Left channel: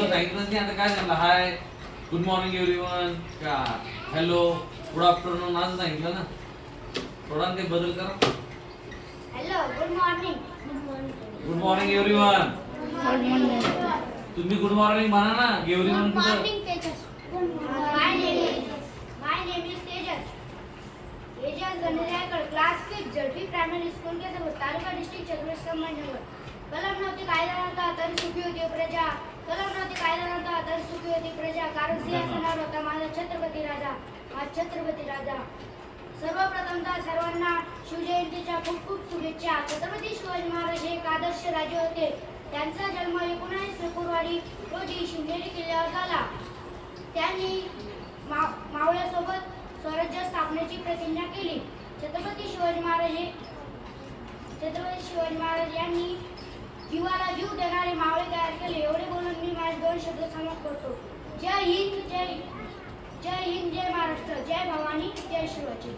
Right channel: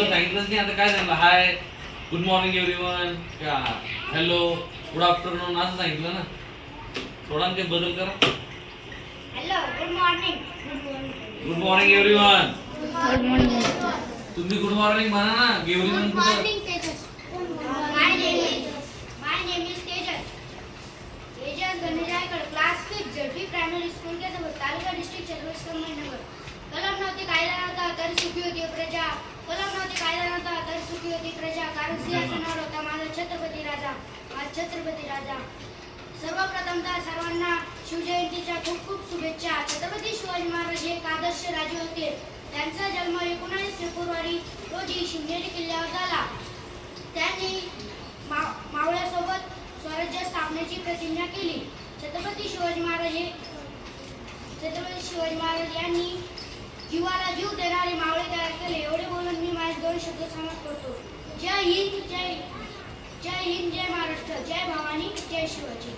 Hello सांगितलं नाही आता काय झालं? हाय गुड मॉर्निंग एव्हरीवन का हॅलो गुड आफ्टरनून असं सांगितलं ना? थोडा काही बदल करा. Hello good morning good morning everyone good morning तुम्ही गुड मॉर्निंग म्हणा ना एव्हरीवन कुठं? Tejas. My name is my name is Tejas. Tejas Ganeshaykar class fifth Z P primary school K taluka district Chhatrapati Sambhajinagar. कलम नव्हती कायदा नव्हता तरी सुखी होती प्रजा कलम नव्हती कायदा नव्हता तरी सुखी होती प्रजा कारण सिंहासनावर होता माझा छत्रपती राजा आज छत्रपती राजा. सर्वप्रथमतः सर्वांना शिवजयंतीच्या खूप खूप शुभेच्छा. छत्रपती शिवाजी महाराज हे एक आदर्श राजे होते. त्यांचा जन्म एकोणावीस फेब्रुवारी रोजी शिंदेरी किल्ल्यावर झाला. त्यांनी मा मावळ्यासोबत स्वराज्य स्थापनेची प्रतिज्ञा केली. छत्रपती शिवाजी महाराज हे छत्रपती शिवाजी महाराज यांनी जीवाला जीव देणारे मावळे तयार केले. एवढे करतो. जय हिंद जय जय हिंद जय महाराष्ट्र जय भवानी जय शिवाजी.